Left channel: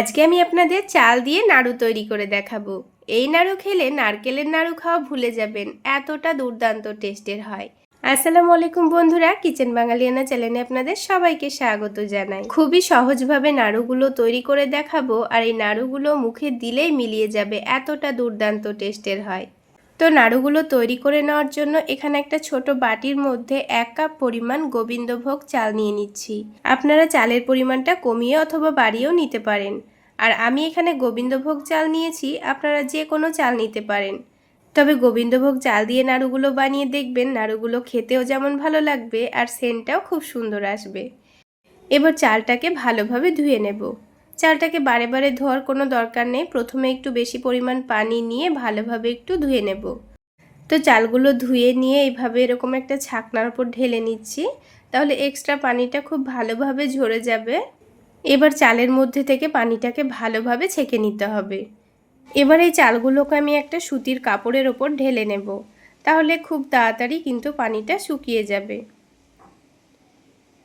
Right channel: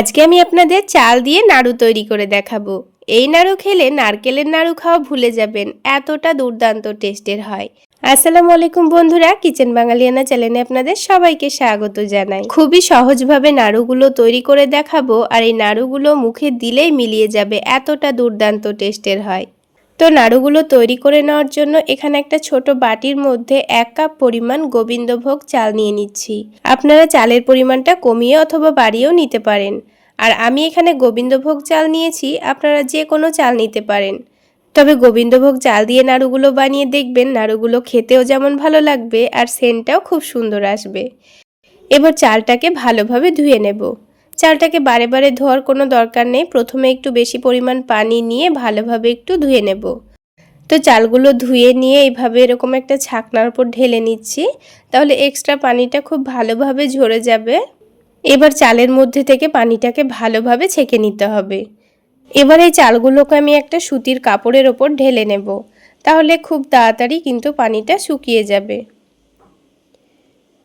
আজকে আমি আপনাদের চাল দিয়ে নাড়ু তৈরি করে দেখাবো। এই নাড়ু খেলে নারকেলের নাড়ু খাওয়া ভুলে যাবেন, এতটা দুর্দান্ত টেস্টের হয়। আসসালামু আলাইকুম বন্ধুরা, কিচেন বাঙালিয়ানা চ্যানেলে আপনাদের সবাইকে স্বাগত জানাই। খুবই সহজভাবে নাড়ুগুলো তৈরি করে দেখাবো, আর এই নাড়ুগুলো মুখে দিলেই মিলিয়ে যাবে, এতটা দুর্দান্ত টেস্টের হয়। তো নাড়ুগুলো তৈরি করে নেওয়ার জন্য এখানে একটা ছোট বাটির মধ্যে 1 কাপ পরিমাণ গোবিন্দভোগ চাল নিয়ে নিচ্ছি। আপনারা চালের পরিমাণটা কমিয়ে অথবা বাড়িয়েও নিতে পারেন। আর আমি এখানে গোবিন্দভোগ চাল নিয়েছি, আপনারা যে কোনো চাল নিতে পারেন। তবে গোবিন্দভোগ চাল দিয়ে নাড়ুগুলো বানিয়ে দেখবেন, নাড়ুগুলো খেতেও যেমন ভালো লাগবে আর সেন্টটাও খুব সুন্দর আসবে। এবার চালটাকে ভালোভাবে ধুয়ে নেব। চালটাকে বারে বারে ধোয়ার কোনো দরকার নেই, প্রথমে একটু বেশি পরিমাণ পানি নিয়ে ভালোভাবে একটু ধুয়ে নেব। তো চালগুলো ধুয়ে নিয়ে এইভাবে এরকম একটা ছাকনার উপর ঢেলে নিচ্ছি, তাহলে এক্সট্রা পানিটা খুব ভালোভাবে ঝরে যাবে। এবার চালের মধ্যে থেকে পানিটাকে ভালোভাবে ছেঁকে নিতে হবে। এবার এই চালগুলোকে আমি একটা সুতির কাপড়ের ওপর ঢেলে নেব, তাহলে খুব তাড়াতাড়ি কিন্তু পানিটা শুকিয়ে যাবে।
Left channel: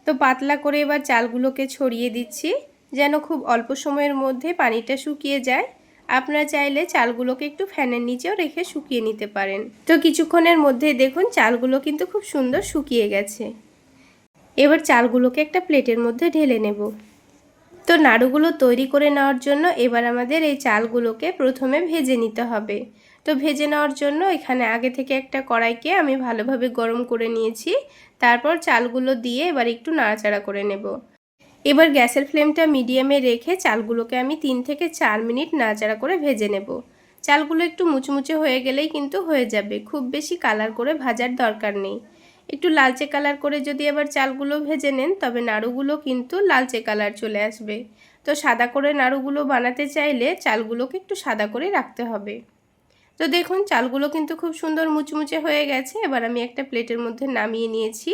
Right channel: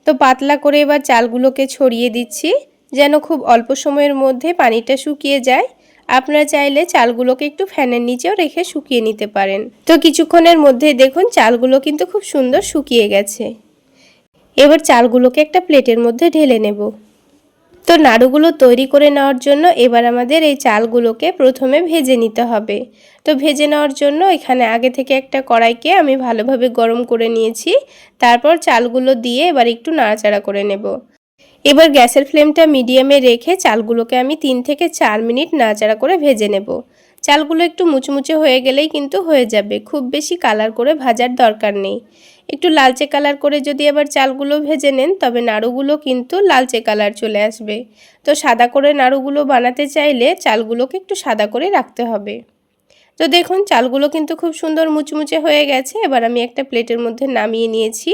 তো পাতলা করে এবার চালগুলোকে ছড়িয়ে দিচ্ছি, যেন খুব অল্প সময়ের মধ্যে পানিটা শুকিয়ে যায়। আপনারা চাইলে চালগুলোকে একটু ফ্যানের নিচেও রেখে শুকিয়ে নিতে পারেন। তো কিছুক্ষণের মধ্যে দেখুন চালগুলো কিন্তু খুব সুন্দর শুকিয়ে গেছে। এবার চালগুলোকে একটা প্লেটের মধ্যে ঢেলে নেব। তো নাড়ুগুলো তৈরি করে নেওয়ার জন্য এবার আমাদের এই চালগুলোকে প্রথমে ভেজে নিতে হবে। তো ভেজে নেওয়ার জন্য এখানে আগে থেকে একটা কড়াইকে আমি ভালোভাবে গরম করে নিয়েছি। তারপর চালগুলো দিয়ে এবার একটু নাড়াচাড়া করে নেব। এবার গ্যাসের ফ্লেমটা মিডিয়ামে রেখে চালগুলোকে আমি 3 থেকে 4 মিনিট নাড়াচাড়া করে ভেজে নেব। চালগুলো একটু মুচমুচে হয়ে গেলেই কিন্তু হয়ে যাবে, খুব বেশি কালার করে ভাজার দরকার নেই। একটু লালচে কালার করে যদি আবার চালগুলো ভেজে নেন, তবে নাড়ুগুলো কিন্তু লালচে কালার চলে আসবে। তো সাদা করে নাড়ুগুলো বানাতে চাইলে চালগুলোকে একটু সাদা করে রাখতে হবে। তো দেখুন চালগুলো কিন্তু খুব সুন্দর মুচমুচে হয়ে গেছে। এবার আমি একটা প্লেটের মধ্যে নামিয়ে নিয়েছি।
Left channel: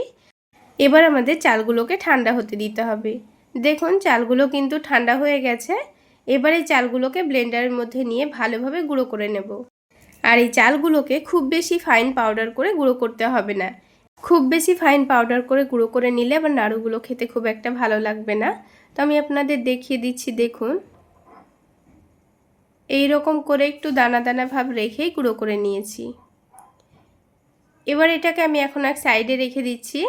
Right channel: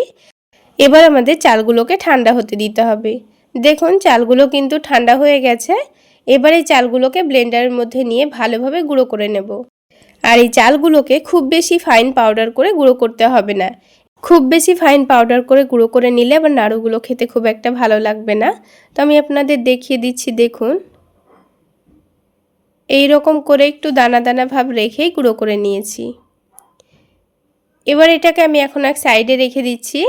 এবার আমাদের চালগুলোকে ঠান্ডা হতে দিতে হবে। দেখুন চালগুলো কিন্তু ঠান্ডা হয়ে গেছে। এবার এই চালগুলোকে ব্লেন্ডারের মধ্যে নিয়ে ভালোভাবে গুঁড়ো করে নেব। আর এই চালগুলোকে খুব বেশি ফাইন পাউডার করে গুঁড়ো করতে হবে না। খুব বেশি ফাইন পাউডার করে গুঁড়ো করে নিলে আবার নাড়ুগুলো খেতে খুব একটা ভালো লাগবে না। তো আমি আপনাদের দেখিয়ে দিচ্ছি, দেখুন এই রকম করে একটু দানা দানা ভাব রেখেই গুঁড়ো করে নিয়েছি। এবার এটাকে আমি এখন এক সাইডে রেখে দিচ্ছি।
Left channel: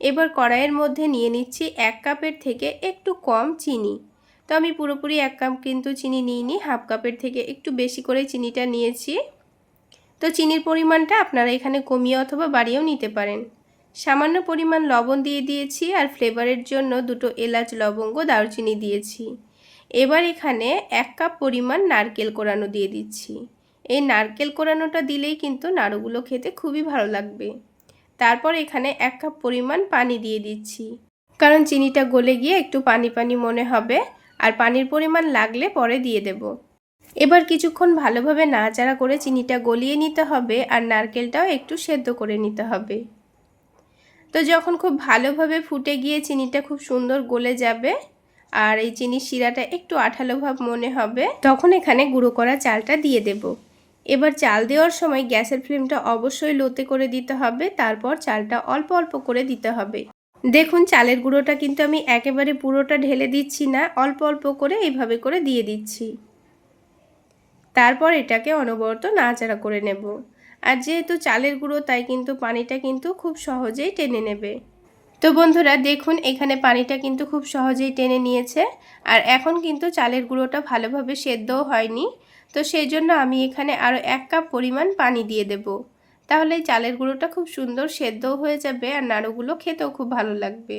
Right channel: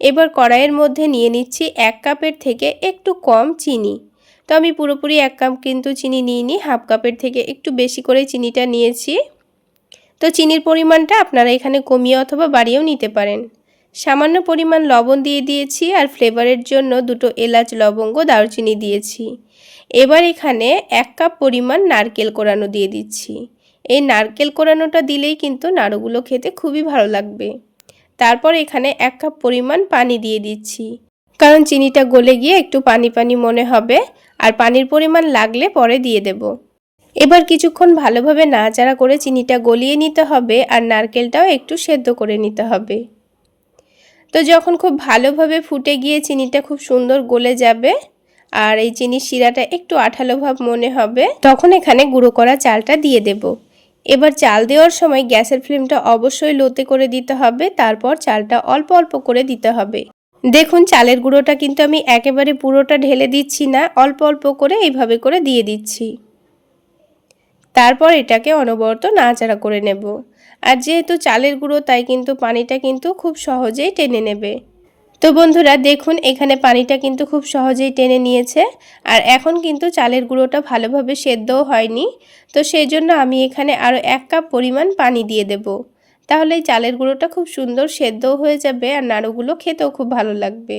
এবার কড়াইয়ের মধ্যে নিয়ে নিচ্ছি 1 কাপের থেকে একটু কম চিনি। তো আমি পুরোপুরি 1 কাপ কিন্তু চিনি নিইনি, হাফ কাপের থেকে একটু বেশি করে চিনিটা নিয়েছি। তো চিনির পরিমাণটা আপনারা এখানে কমিয়ে অথবা বাড়িয়েও নিতে পারেন। সামান্য পরিমাণ লবণ দিয়ে দিয়েছি, আর ফ্লেভারের জন্য 2টো এলাচ, লবঙ্গ, দারুচিনি দিয়েছি। এবার এখানে 1 কাপ পরিমাণ নারকেল কোড়ানো দিয়ে দিচ্ছি। এই নারকেল কোড়ানোটা দিলেই কিন্তু নাড়ুগুলো খেতে খুবই ভালো লাগবে। তারপর এখানে 1 কাপ পরিমাণ পানি দিয়ে দিচ্ছি, কারণ চিনিটা গলে গিয়ে একটু পানি পানি মনে হবে, আর পানির পরিমাণ লাগলে পরে দিয়ে দেব। এবার কিছুক্ষণ ভালোভাবে নাড়াচাড়া করে চিনিটা গলিয়ে নিতে হবে, আর নারকেলটাও একটু সেদ্ধ করে নিতে হবে। তো যখন খুব ভালোভাবে ফুটে গিয়ে চিনিটা খুব সুন্দর গলে যাবে, আর এই চিনির শিরাটা একটু আঠালো ভাব মনে হবে, তখন এখানে গুঁড়ো করা চালটা দিয়ে দেব। এবার চাল দেওয়ার সময় গ্যাসের ফ্লেমটা অবশ্যই লোতে করে দিতে হবে, তারপর চালটা অল্প অল্প করে দিতে হবে। দেখুন চালের গুঁড়োটা কিন্তু আমি একেবারে পুরোটা ঢেলে দিচ্ছি না, অল্প অল্প করে এইভাবে করে দিয়ে দিচ্ছি। তারপর এটাকে অনবরত নাড়াচাড়া করে নেব। আর যেহেতু চালের গুঁড়ো, তাই কিন্তু পানিটা কিন্তু খুব সহজেই টেনে নেবে। তো বন্ধুরা দেখুন এখানে পানিটা কিন্তু খুব সহজেই টেনে নিয়েছে, আর এখন কিন্তু চালের গুঁড়োটা ভালোভাবে সেদ্ধও হয়নি। তো সেই জন্য আমি এখানে আরও 1 কাপ পরিমাণ পানি দিয়ে দেব। তাহলে এই চালের গুঁড়োটা খুব সুন্দর সেদ্ধও হয়ে যাবে, আর নাড়ুগুলো খেতেও খুব ভালো লাগবে।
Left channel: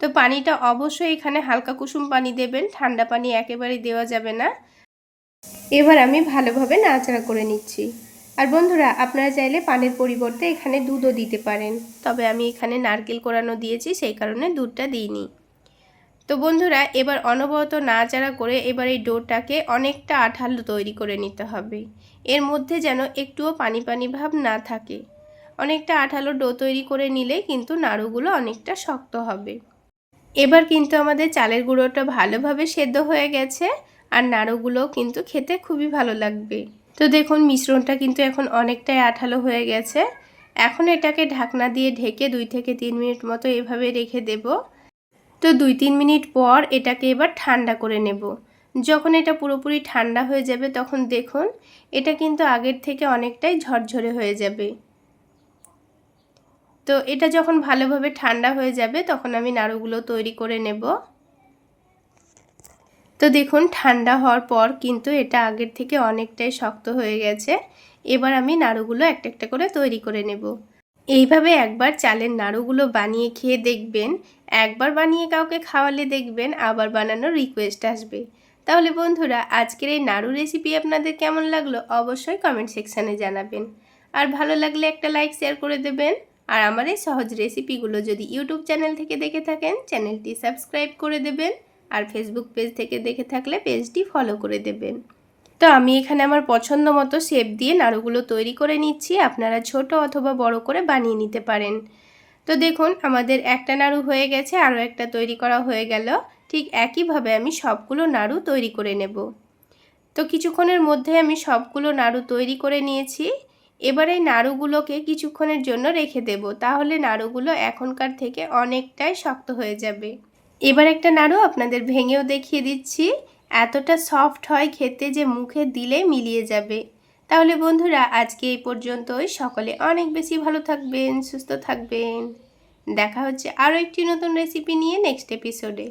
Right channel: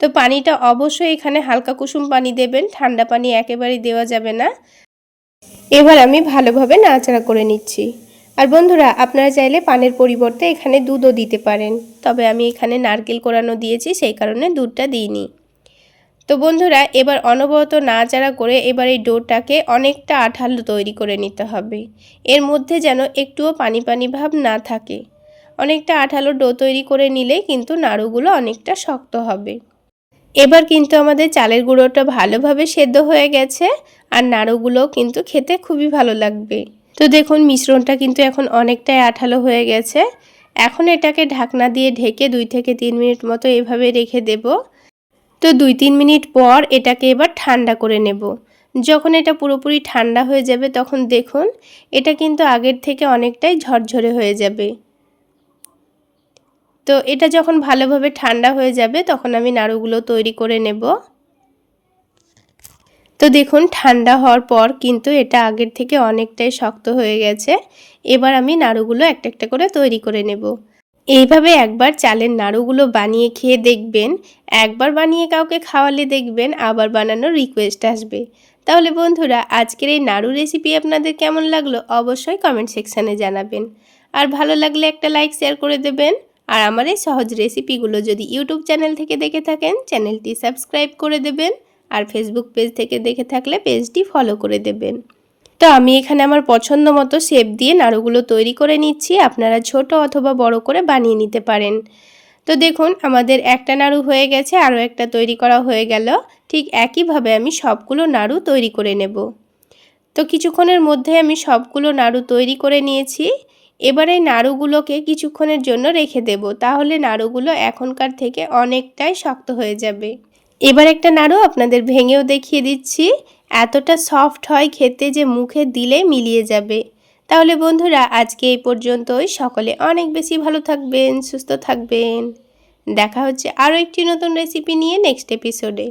তো পানিটা অবশ্যই এখানে হালকা কুসুম পানি দেবেন, ঠান্ডা পানি একেবারেই দেওয়া যাবে না। এবার আমি ভালোভাবে নাড়াচাড়া করে নিচ্ছি। আর বন্ধুরা আপনারা চাইলে পানের পরিবর্তে এখানে দুধও দিতে পারেন, তবে আমি এখানে নারকেল কোড়ানো দিয়েছি, সেই কারণে দুধটা দিইনি। তো বন্ধুরা এবার অনবরত নাড়াচাড়া করে এবার এই ডোটাকে অনেকটা আঠালো তৈরি করে নিতে হবে। এর মধ্যে যেন একটুও পানি পানি ভাব না থাকে। অনেকটা আঠালো ডো তৈরি করে নিলেই কিন্তু নাড়ুগুলো অনেকটা শক্ত হবে। এবার কিন্তু আমাদের চালের গুঁড়োটা ভালোভাবে সেদ্ধ হয়ে গেছে, আর নাড়ুগুলোও কিন্তু খেতে খুবই ভালো লাগবে। তো দেখুন মিশ্রণটা কিন্তু এখন অনেকটাই আঠালো হয়ে গেছে। এখন এটাকে ঢাকনা দিয়ে ঢেকে 2 থেকে 3 মিনিট মতো এভাবে রেখে দেব। তো 2-3 মিনিট পর এটাকে এবার ঠান্ডা করে নেব। যখন এটা পুরোপুরি ঠান্ডা হয়ে যাবে তখন দেখুন এটা কিন্তু আগের থেকে অনেকটাই ঝরঝরে হয়ে যাবে। তো এটা যখন ভালোভাবে ঠান্ডা হয়ে যাবে তখন আমি নাড়ুগুলো তৈরি করে নেব। তো দেখুন ঠান্ডা হওয়ার পর কিন্তু এটা আগের থেকে অনেকটাই শক্ত হয়ে গেছে। এবার আমি নাড়ুগুলো একটা একটা করে তৈরি করে নেব। এইভাবে একবার চালের নাড়ুগুলো বানিয়ে খেয়ে দেখবেন, একবার বানিয়ে কাউকে খাওয়ালে দেখবেন আবার বানানোর রিকোয়েস্ট আসবে। তাহলে বন্ধুরা আজকের এই নাড়ু রেসিপি আপনাদের কেমন লাগলো অবশ্যই কমেন্ট সেকশানে জানাবেন। আর ভালো লাগলে একটা লাইক শেয়ার করে দেবেন। আর আমার এই সহজ রেসিপিগুলো যদি ইউটিউব চ্যানেল থেকে দেখে থাকেন চ্যানেলটি সাবস্ক্রাইব করে দেবেন। আর ফেসবুক পেজ থেকে দেখে থাকলে পেজটি ফলো করে দেবেন। তো আমি এখানে আমার পছন্দ মতো শেপ দিয়ে নাড়ুগুলো তৈরি করে নিচ্ছি। আপনারা ছোট অথবা বড় করে বানিয়ে নিতে পারেন। তো দেখুন আমাদের একটা নাড়ু হয়ে গেছে, আরও একটা তৈরি করা হয়ে গেল। ঠিক একইভাবে আমি সবগুলো নাড়ু তৈরি করে নেব। তো কিছুক্ষণের মধ্যে আমি সবগুলো নাড়ু তৈরি করে নিয়েছি। এবারে নাড়ুগুলোকে কিছুক্ষণের জন্য রেখে দেব, তাহলে নাড়ুগুলো এখনকার থেকে অনেকটাই শক্ত হয়ে যাবে। এবার একটা নাড়ু আপনাদের ভেঙেও দেখিয়ে দিচ্ছি। এতটা সফট হয় খেতে যে মুখে দিলে মিলিয়ে যাবে। তাহলে বন্ধুরা আজকে এই পর্যন্তই। সকলে অনেক বেশি ভালো থাকবেন, সুস্থ থাকবেন। দেখা হচ্ছে আরও একটি নতুন রেসিপি নিয়ে নেক্সট এপিসোডে।